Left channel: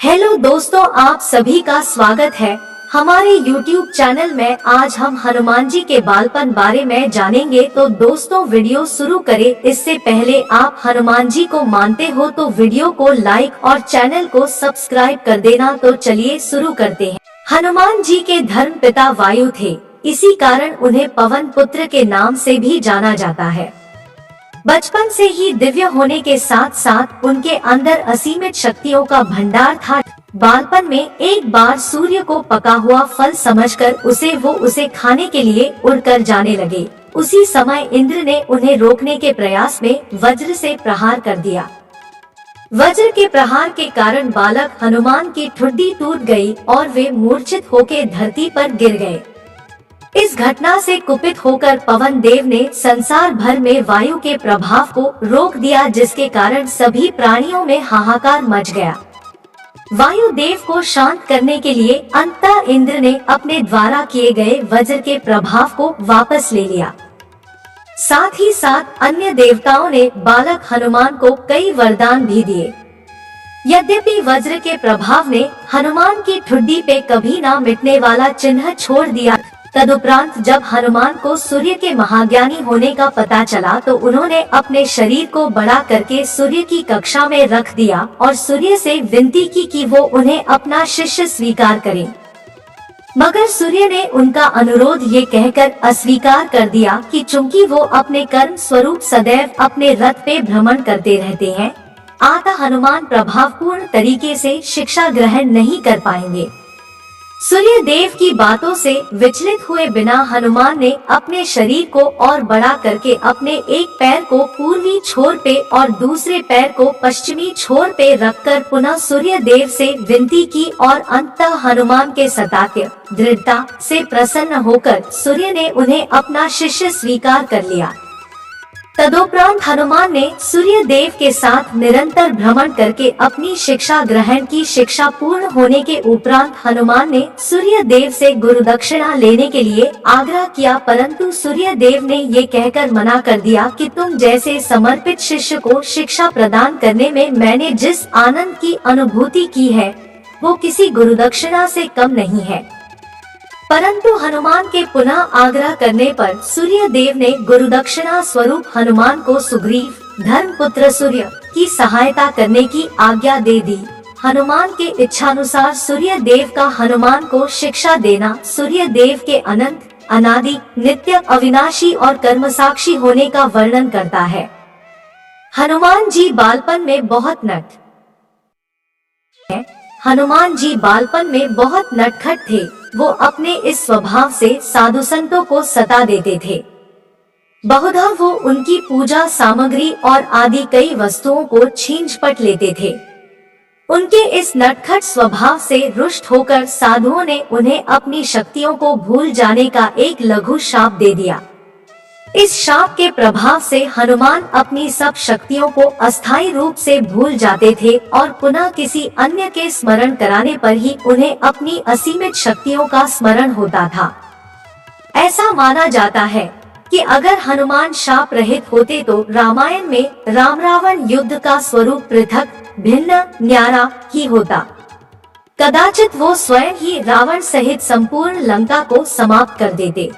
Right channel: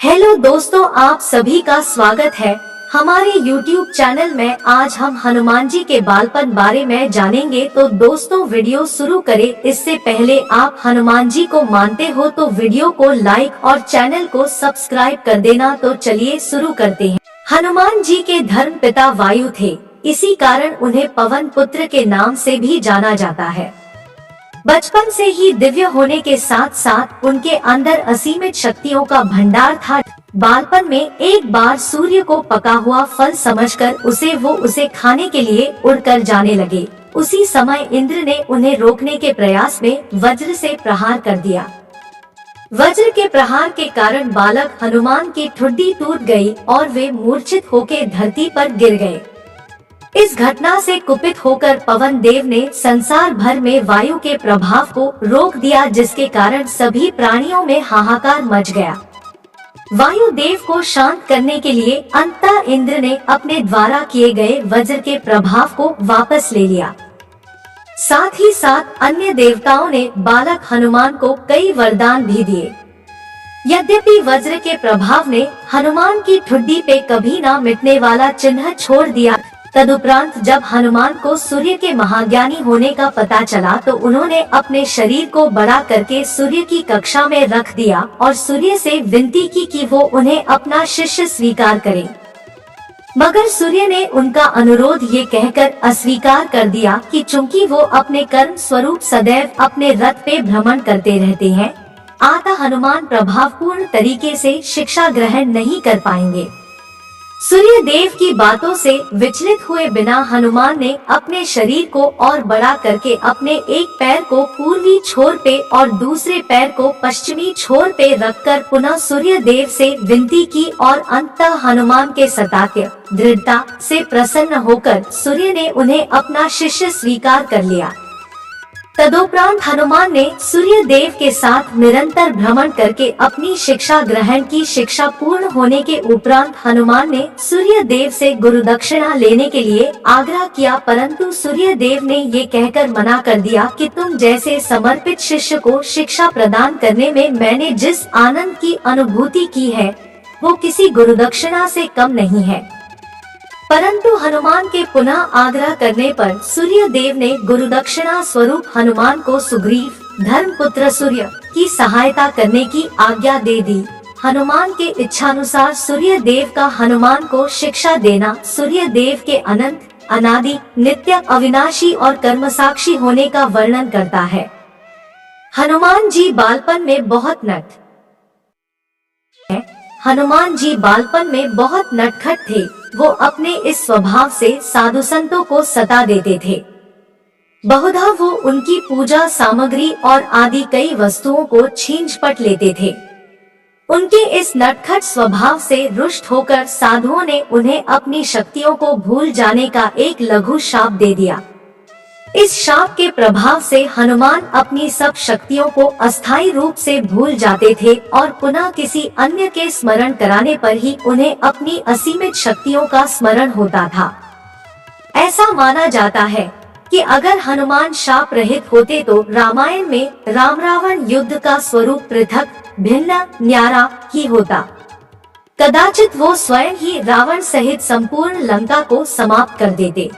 Hello दोस्तों, आप सभी का स्वागत है हमारे YouTube चैनल में। आज हम हनुमान जी के बालपन बारे में जानेंगे। तो दोस्तों, वीडियो शुरू करें इससे पहले आप हनुमान जी को मानते हो तो वीडियो को लाइक और चैनल को सब्सक्राइब कर देना। तो चलिए शुरू करते हैं। हनुमान जी के धर्म पिता वायु थे, इसी कारण उन्हें पवन पुत्र के नाम से भी जाना जाता है। बचपन से ही दिव्य होने के साथ साथ उनके अंदर असीमित शक्तियों का भंडार था। बालपन में एक बार सूर्य को पका हुआ फल समझकर उसे खाने के लिए उड़कर जाने लगे। उसी समय इंद्र ने उन्हें रोकने के प्रयास में वज्र से प्रहार कर दिया। वज्र के प्रहार के कारण बालक हनुमान की ठुड्डी टूट गई और वे मूर्छित होकर धरती पर गिर गए। इस घटना से कुपित होकर पवन देव ने संसार भर में वायु के प्रभाव को रोक दिया, जिसके कारण सभी प्राणियों में हाहाकार मच गया। वायु देव को शांत करने के लिए अंततः इंद्र ने अपने द्वारा किए गए वज्र के प्रभाव को वापस ले लिया। साथ ही साथ अन्य देवताओं ने बालक हनुमान को कई वरदान भी दिए। यद्यपि वज्र के प्रभाव ने हनुमान की ठुड्डी पे कभी ना मिटने वाला चिन्ह छोड़ दिया। तदुपरांत जब हनुमान को सूर्य के महाज्ञानी होने का पता चला तो उन्होंने अपने शरीर को बड़ा करके सूर्य की कक्षा में रख दिया और सूर्य से विनती की कि वो उन्हें अपना शिष्य स्वीकार करे। मगर सूर्य ने उनका अनुरोध ये कहकर अस्वीकार कर दिया कि चूंकि वो अपने कर्म स्वरूप सदैव अपने रथ पे भ्रमण करते रहते हैं, अतः हनुमान प्रभावपूर्ण तरीके से शिक्षा ग्रहण नहीं कर पाएंगे। सूर्य देव की बातों से विचलित हुए बिना हनुमान ने अपने शरीर को और बड़ा करके अपने एक पैर को पूर्वी छोर पे और दूसरे पैर को पश्चिमी छोर पे रखकर पुनः सूर्य देव से विनती की और अंततः हनुमान के सत्य दृढ़ता से प्रसन्न होकर सूर्य ने उन्हें अपना शिष्य स्वीकार कर लिया। तदोपरांत हनुमान ने सूर्य देव के साथ निरंतर भ्रमण करके अपनी शिक्षा ग्रहण की। शिक्षा पूर्ण होने के उपरांत हनुमान ने सूर्य देव से गुरु दक्षिणा लेने के लिए आग्रह किया, परंतु सूर्य देव ने ये कहकर मना कर दिया कि तुम जैसे समर्पित शिष्य को शिक्षा प्रदान करने में मैंने जिस आनंद की अनुभूति की है वो किसी गुरु दक्षिणा से कम नहीं है। परंतु हनुमान के पुनः आग्रह करने पर सूर्य देव ने गुरुदक्षिणा स्वरूप हनुमान को सुग्रीव धर्मपुत्र सूर्य की सहायता करने की आज्ञा दे दी। हनुमान के इच्छानुसार सूर्य देव का हनुमान को शिक्षा देना सूर्य देव के अनंत अनादि नित्य अविनाशी और कर्मसाक्षी होने का वर्णन करता है। हनुमान जी बालपन में बहुत नटखट थे। वो अपने इस स्वभाव से साधु संतों को सता देते थे। बहुधा वो उनकी पूजा सामग्री और आदि कई वस्तुओं को छीन-झपट लेते थे। उनके इस नटखट स्वभाव से रुष्ट होकर साधुओं ने उन्हें अपनी शक्तियों को भूल जाने का एक लघु शाप दे दिया। इस शाप के प्रभाव से हनुमान अपनी सब शक्तियों को अस्थायी रूप से भूल जाते थे और पुनः किसी अन्य के स्मरण कराने पर ही उन्हें अपनी असीमित शक्तियों का स्मरण होता था। ऐसा माना जाता है कि अगर हनुमान शाप रहित होते तो रामायण में राम रावण युद्ध का स्वरूप पृथक भिन्न न्यारा ही होता। कदाचित वो स्वयं ही रावण सहित संपूर्ण लंका को समाप्त कर देते।